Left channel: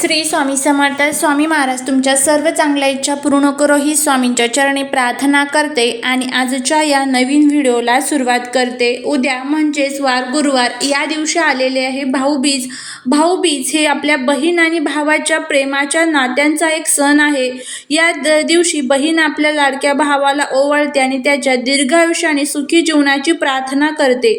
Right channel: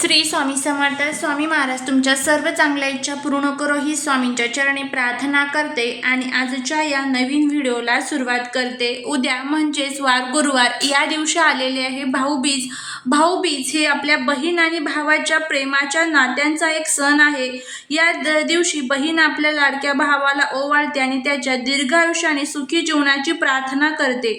श्री स्वामी समर्थ स्वामी महाराज तुमच्या सर्व चांगल्या इच्छा पूर्ण करो ही स्वामींच्या चरणी प्रार्थना करते आणि आजच्या या नवीन व्हिडिओला सुरुवात करते. उद्या म्हणजेच वार गुरुवार या दिवशी आलेले आहे भाऊबीज. भाऊबीज हे आपल्या बहीण आणि भावाच्या प्रेमाच्या नात्यांचा एक सण आहे. या दिवशी बहीण आपल्या लाडक्या भावाला ओवाळते आणि त्याच्या दीर्घायुष्य आणि सुखी जीवनाची प्रार्थना करते.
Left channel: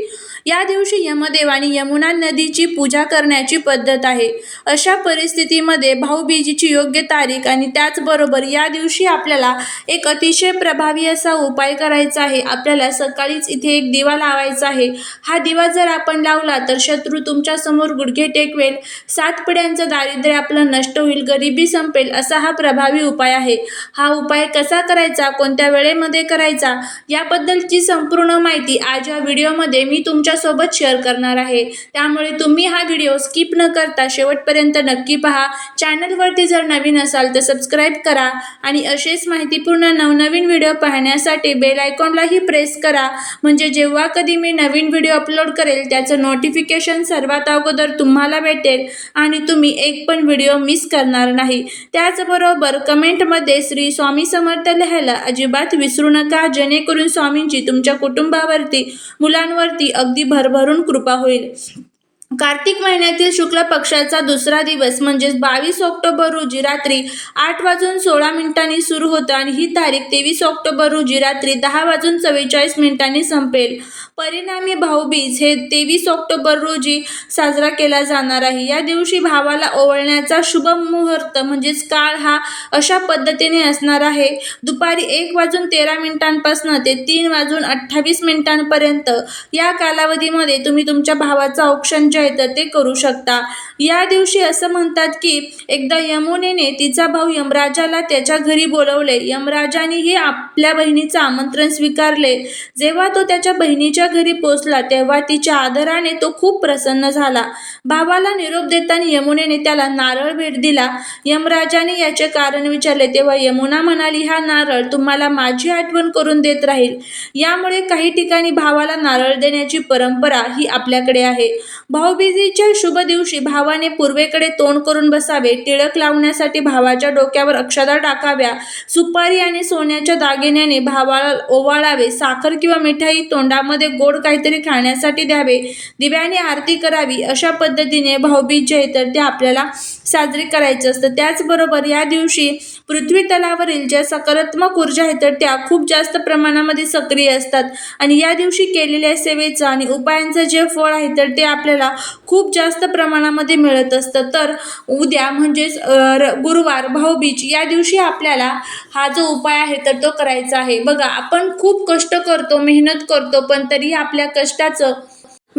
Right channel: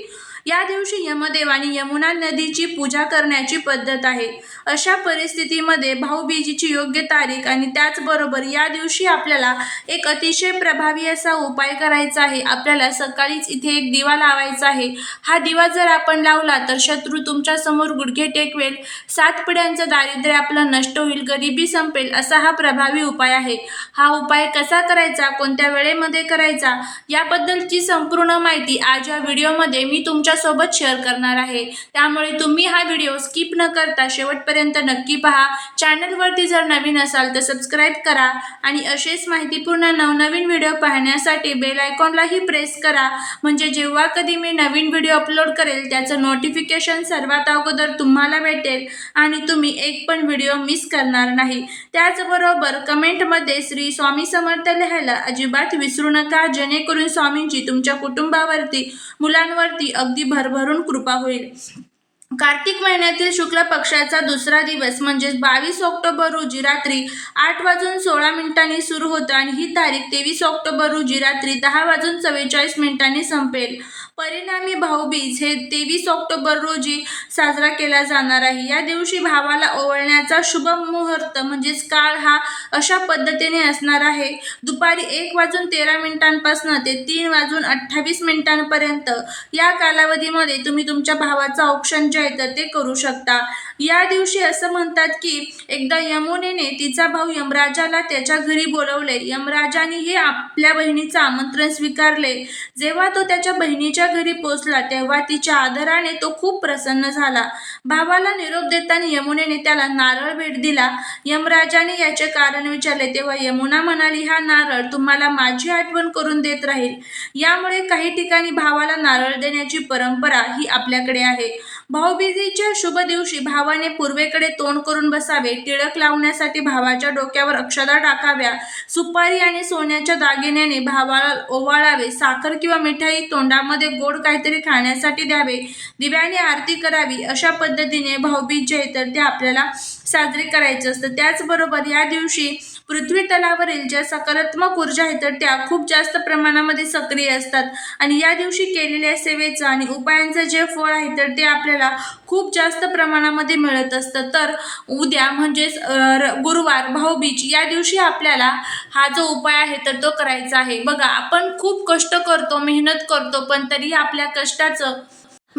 या दिवशी यमदेवाने यमुना नदीची पूजा करण्याची पद्धत आहे. अशा परिस्थितीमध्ये भाऊबीजीची योग्य तारीख आणि त्याचबरोबर या दिवशी आपल्याला एक अतिशय प्रभावी असा उपाय करायचा आहे. आपल्याला सकाळीच इथे एक दिवा लावायचा आहे. हा दिवा जर आपण लावला तर शत्रू तुमच्यासमोर गुडघे टेकवेल. सात पिढ्यांचं दारिद्र्य आपलं नष्ट होईल. गरिबी संपेल असा हा प्रभावी उपाय आहे. हा उपाय कसा करायचा? कोणत्या वेळेमध्ये करायचा? याबद्दलची संपूर्ण माहिती आज या व्हिडिओमध्ये मी तुमच्या तुमच्यासोबत शेअर करणार आहे. त्यामुळे तुम्ही हा व्हिडिओ स्किप न करता शेवटपर्यंत नक्की पहा. चॅनलवरती जर नवीन असाल तर सबस्क्राईब करा आणि असेच माहितीपूर्ण नवनवीन व्हिडिओ पाहण्यासाठी बेल आयकॉनलाही प्रेस करा. म्हणजे जेव्हा कधी मी नवीन व्हिडिओ अपलोड करेल त्याचं नोटिफिकेशन सर्वात अगोदर तुम्हाला भेटेल आणि तुम्ही एक पण व्हिडिओ मिस करणार नाही. त्याचबरोबर कमेंटमध्ये श्री स्वामी समर्थ लिहायला अजिबात विसरू नका. जेणेकरून स्वामींची तुमच्या कुटुंबावरती मुलांवरती अगदी भरभरून कृपा होईल. कार्तिक महिन्यातील शुक्ल पक्षाचा दुसरा दिवस म्हणजेच बावीस ऑक्टोबर रोजी रात्री आठ वाजून सोळा मिनिटांनी सुरू होतं आणि ही तारीख तेवीस ऑक्टोबर रोजी रात्री दहा वाजून चव्वेचाळीस मिनिटांनी संपेल. परिणामी भाऊबीज हे तेवीस ऑक्टोबर रोजी साजरा केला जाणार आहे. या दिवशी भावाला ओवळण्याचा शुभ मुहूर्त म्हणजेच काळ हा अशा पद्धतीने असणार आहे. दुपारी एक वाजून तेरा मिनिटांपासून ते तीन वाजून अठ्ठावीस मिनिटांपर्यंत या कालावधीमध्ये तुम्ही तुमच्या भावाचा औक्षण जे आहे तर ते करू शकता. या दिवशी असं म्हणतात की एकदा यमुनेने तिचा भाऊ यमराजाला त्याच्या घरी बोलवले. यमराजाने हे आपल्या बहिणीचं आमंत्रण स्वीकारले. जेव्हा तो त्याच्या बहिणीच्या घरी पोचला तेव्हा तिच्या आदराने तो खूप प्रसन्न झाला. भावाला निरोप देताना यमुनेने त्याला नारळ भेट दिला. यमराजाने याचे कारण विचारले. तेव्हा यमुना म्हणाली हा नारळ तुम्हाला माझी आठवण करून देत राहील. यामुळे काही ठिकाणी भावाला नारळ देण्याची परंपरा ही आपल्याकडे आहे. भाऊबीजेच्या शुभ दिवशी भावाने पूर्वेकडे तोंड करून बसावे टिळक लावण्यासाठी भावाच्या डोक्यावर अक्षदा टाकाव्या सुपारी आणि सोन्याच्या दागिन्याने भावाला ओवाळावे साखर किंवा मिठाई तोंडामध्ये गोड काहीतरी खाण्यासाठी द्यावे दिव्याने आरती करावी अशा पद्धतीने भाऊबीज जे आहे तर ते आपल्याला साजरी करायचं असतं. त्याचबरोबर या दिवशी पृथ्वी तलावरील ज्या सकारात्मक ऊर्जा आहेत तर त्या खूप जास्त प्रमाणामध्ये सक्रिय असतात. आणि या दिवशी केलेल्या सेवेचं आणि उपायांचं जे फळ आहे तर ते आपल्याला खूप जास्त प्रमाणामध्ये मिळत असतं. तर उद्या म्हणजेच र- गुरुवार भाऊबीज या दिवशी आपल्याला हा जो उपाय आहे तर तो करायचा आहे. बघा आपण खूप कष्ट करतो मेहनत करतो पण तरी आपल्या कष्टाचं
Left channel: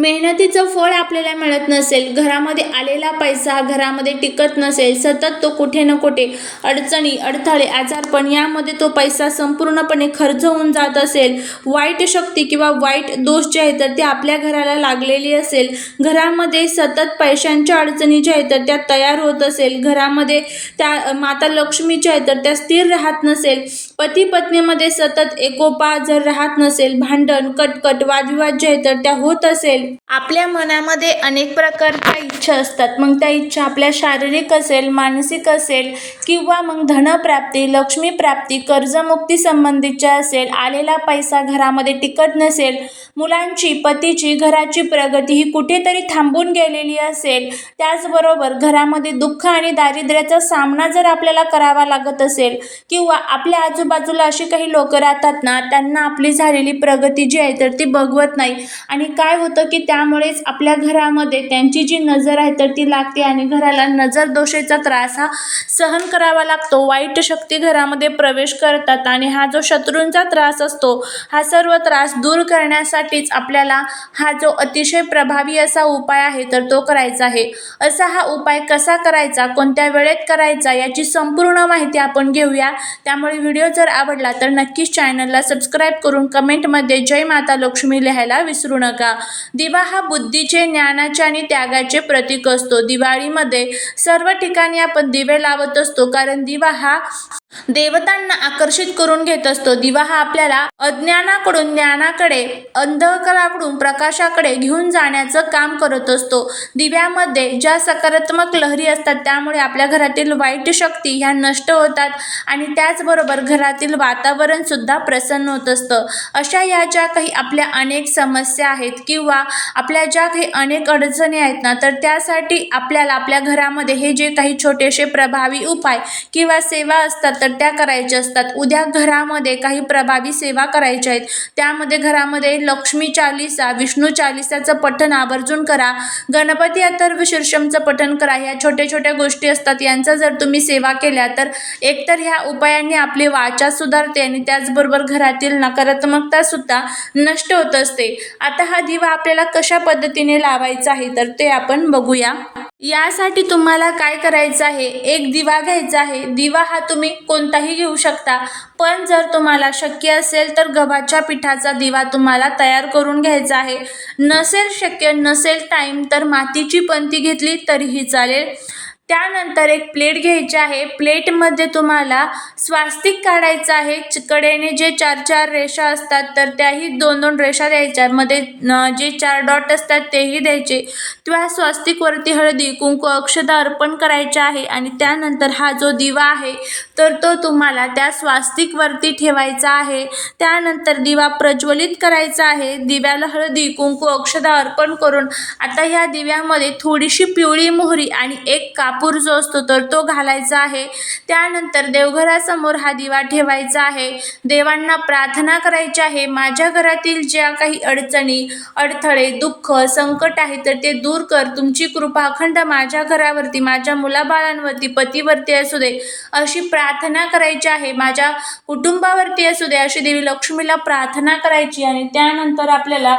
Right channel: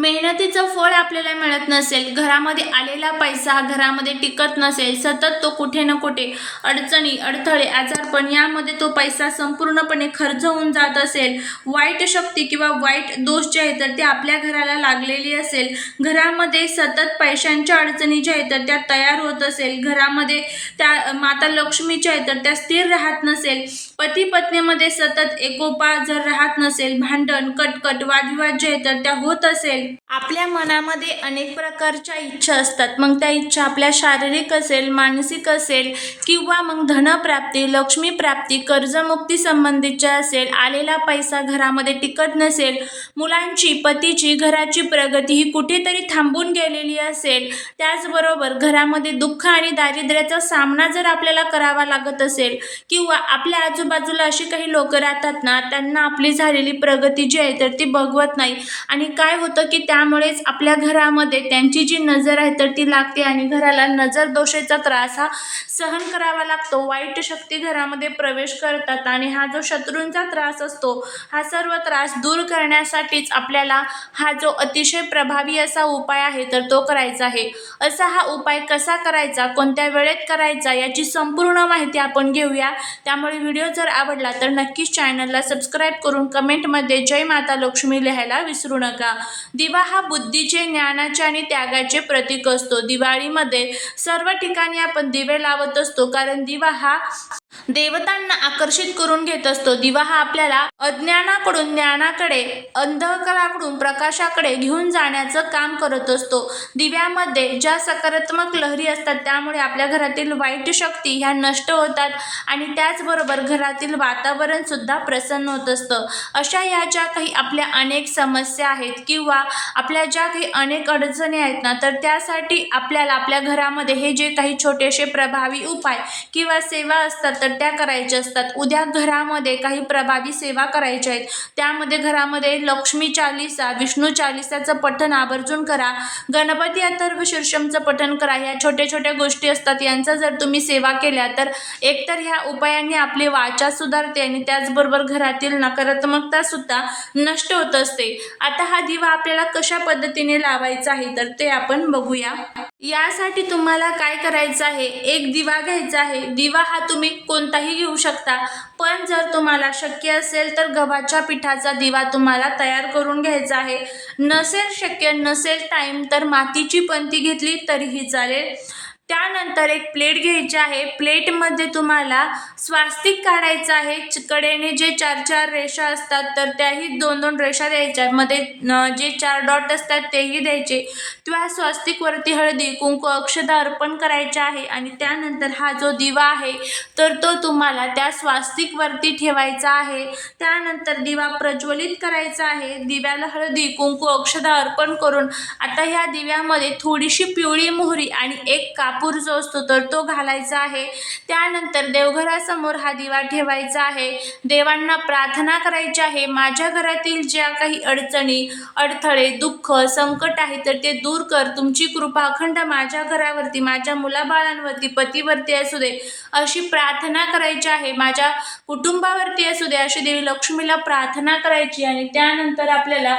मेहनतीचं फळ आपल्याला मिळत नसेल घरामध्ये आलेला पैसा घरामध्ये टिकत नसेल सतत तो कुठे ना कुठे अडचणी अडथळे आजारपण यामध्ये तो पैसा संपूर्णपणे खर्च होऊन जात असेल वाईट शक्ती किंवा वाईट दोष जे आहेत तर ते आपल्या घराला लागलेली असेल घरामध्ये सतत पैशांच्या अडचणी ज्या आहेत तर त्या तयार होत असेल घरामध्ये त्या माता लक्ष्मी ज्या आहेत तर त्या स्थिर राहत नसेल पती पत्नीमध्ये सतत एकोपा जर राहत नसेल भांडण कटकट वादविवाद जे तर त्या होत असेल. आपल्या मनामध्ये अनेक प्रकारच्या इच्छा असतात. मग त्या इच्छा आपल्या शारीरिक असेल मानसिक असेल किंवा मग धनप्राप्ती लक्ष्मीप्राप्ती कर्जमुक्ती संबंधीच्या असेल आलेला पैसा घरामध्ये टिकत नसेल मुलांची पतीची घराची प्रगती ही कुठेतरी थांबून गेलेली असेल त्याचबरोबर घरामध्ये दुःख आणि दारिद्र्याचा सामना जर आपल्याला करावा लागत असेल किंवा आपल्या आजूबाजूला अशी काही लोक राहतात ना त्यांना आपली झालेली प्रगती जी आहे तर ती बघवत नाही. आणि काय होतं की त्या त्यामुळेच आपल्या घरामध्ये त्यांची जी नजर आहे तर ती लागते आणि घराला नजर दोषेचा त्रास हा सहन करावा लागतो. वाईट शक्ती घरामध्ये प्रवेश करतात आणि हा जो शत्रूंचा त्रास असतो हा सर्व त्रास दूर करण्यासाठीच आपल्याला हा जो अतिशय प्रभावी असा उपाय आहे तर तो करायचा आहे. असा हा उपाय कसा करायचा कोणत्या वेळेत करायचा याची संपूर्ण माहिती आपण घेऊया. त्यामुळे व्हिडिओ जर आवडला तर नक्कीच चॅनलला सबस्क्राईब करून कमेंटमध्ये जय माता लक्ष्मी लिहायला विसरू नका. दिवा हा बुद्धीचे ज्ञानाचे आणि त्यागाचे प्रतीक असतो. दिवाळीमध्ये सर्व ठिकाणी आपण दिवे लावत असतो कारण दिवा हा देवतांना आकर्षित करून घेत असतो. दिवा हा आपल्याला अज्ञानाकडून ज्ञानाकडे अंधकाराकडून प्रकाशाकडे घेऊन जाण्याचं काम करत असतो. दिव्यामध्ये ज्या सकारात्मक लहरी असतात त्यामुळे आपल्या घरातील वाईट शक्ती ह्या नष्ट होतात आणि त्याचबरोबर घरातील वातावरण सुद्धा प्रसन्न होत असतं. अशा ह्या ज्या काही आपल्या अनेक समस्या आहेत किंवा आपल्या ज्या काही अनेक अडचणी आहेत ना तर त्यासाठी आपल्याला आपल्या घरामध्ये हे जे काही छोटेसे प्रभावी उपाय किंवा सेवा असतात तर त्या करायच्या असतात. उद्या घरामध्ये काही प्रभावी सेवा करायच्या आहेत. त्यामध्ये घरामध्ये लक्ष्मी चालिसा विष्णू चालिसाचं पठण आवर्जून करा. गणपती अथर्व शीर्षमचं पठण करा. ह्या छोट्या छोट्या गोष्टी असतात. यांचा जर तुम्ही सेवा केल्या तर एकतर ह्या उपायांनी आपली वाचा सुधारते आणि त्याचबरोबर घरातील नकारात्मकता सुद्धा नष्ट होत असते. आता हा दिवा आपल्याला कशा पद्धतीने लावायचा आहे तर ते आपण बघूया. यासाठी तुम्हाला काय करायचं आहे? एक दिवा घ्यायचा आहे. दिवा हा तुम्ही कोणताही घेऊ शकता. पण जर तुम्हाला शक्य असेल तर गव्हाच्या पिठाचा दिवा तुम्हाला तयार करून घ्यायचा आहे. नसेल शक्य नसेल टाईम तर मातीची पंती घेतली तरीही चालेल. त्यानंतर एक प्लेट घ्यायची आहे. प्लेटमध्ये तुम्हाला स्वास्तिक काढायचं आहे. च- कडेने जे चार चार रेषा असतात तर त्याही दोन दोन रेषा द्यायच्या. मध्ये जे चार डॉट असतात तेही द्यायचे. किंवा स्वास्तिकवरती हळदी कुंकू अक्षता अर्पण करायचे आहे. आणि त्यानंतर हा जो दिवा आहे तर तो तुम्हाला त्या स्वास्तिकवरती ठेवायचा आहे. त्यानंतर दिवा प्रज्वलित करायचा आहे. दिव्याला हळदी कुंकू अक्षता अर्पण करून आता ह्या दिव्यामध्ये थोडीशी पिवळी मोहरी आणि एक काप कापूर जो असतो तर तो घालायचा आहे. त्यानंतर देवघरासमोर हा दिवा ठेवायचा आहे. देवांना प्रार्थना करायची आहे. माझ्या घरातील ज्या काही अडचणी अडथळे दुःख संकट आहे तर ते दूर कर. तुमची कृपा अखंड माझ्या घरावरती माझ्या मुलाबाळांवरती पतीवरती असू दे अशी प्रार्थना करायची आहे. माझ्या कुटुंबावरती असू दे अशी देवी लक्ष्मीला प्रार्थना करायची आणि त्यानंतर आपल्याला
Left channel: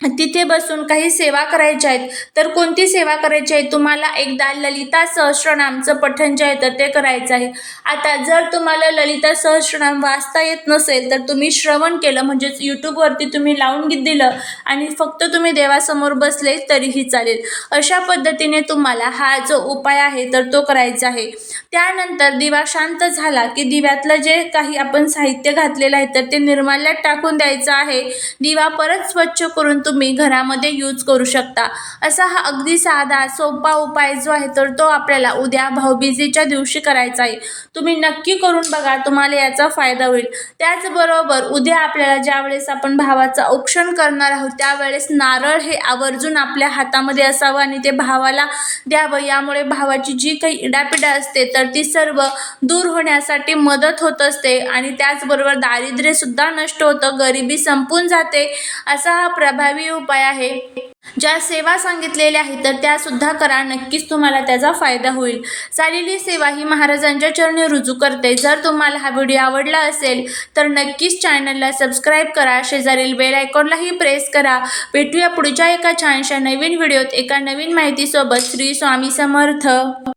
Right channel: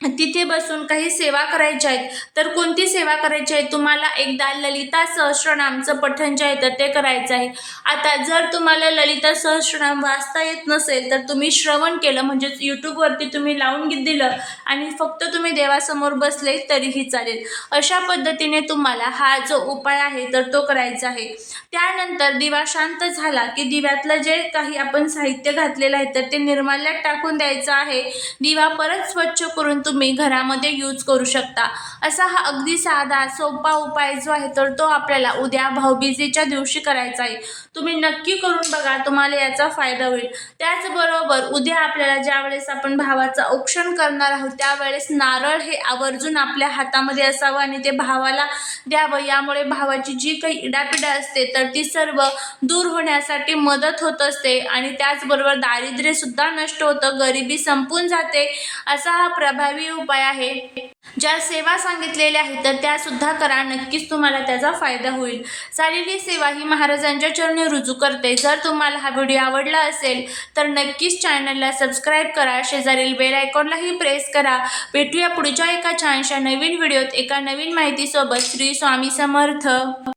तिथे बसून काही सेवा करायच्या आहेत. तर कोणती सेवा करायची आहे? तुम्हाला एकदा ललिता सहस्रनामचं पठण जे आहे तर ते करायचं आहे. आता जर तुम्हाला ललिता सहस्रनाम वाचता येत नसेल तर तुम्ही श्रवण केलं म्हणजेच यूट्यूबवरती तुम्ही लावून दिलं आणि फक्त तुम्ही देवासमोर बसले तरीही चालेल. अशा पद्धतीने तुम्हाला हा जो उपाय आहे तर तो करायचा आहे. त्यानंतर दिवा शांत झाला की दिव्यातलं जे काही आपण साहित्य घातलेलं आहे तर ते निर्माल्यात टाकून द्यायचं आहे. दिवा परत स्वच्छ करून तुम्ही घरामध्ये यूज करू शकता. असा हा अगदी साधा सोपा उपाय जो आहे तर तो आपल्याला उद्या भाऊबीजेच्या दिवशी करायचा आहे. तुम्ही नक्की करून बघा तुम्हाला याचा फायदा होईल. त्याचबरोबर उद्या आपल्याला ज्यावेळेस आपण भावाचं औक्षण करणार आहोत त्यावेळेस नारळ हे आवर्जून आपल्या हातामध्ये असावं आणि ते भावाला द्यावं. यामुळे भावाची जी काही इडापिडा असते तर ती सर्व दूर होण्यासाठी मदत होत असते आणि त्याचबरोबर दारिद्र्यसुद्धा नष्ट होतं गरिबी संपून जाते असा हा प्रभावी उपाय आहे. ज्या सेवा सांगितलेल्या आहेत तर त्यासुद्धा करा. नक्कीच तुम्हाला त्याचा फायदा होईल. चालेली सेवा ही महाराजांच्या चरणी रुजू करते. जर तुम्हाला हा व्हिडिओ आवडला असेल तर नक्कीच चॅनलला सबस्क्राईब करा. शेजारील बेल आयकॉनलाही प्रेस करा. भेटूया पुढच्या एका छानशा नवीन व्हिडिओत एका नवीन माहितीसोबत. श्री स्वामी समर्थ.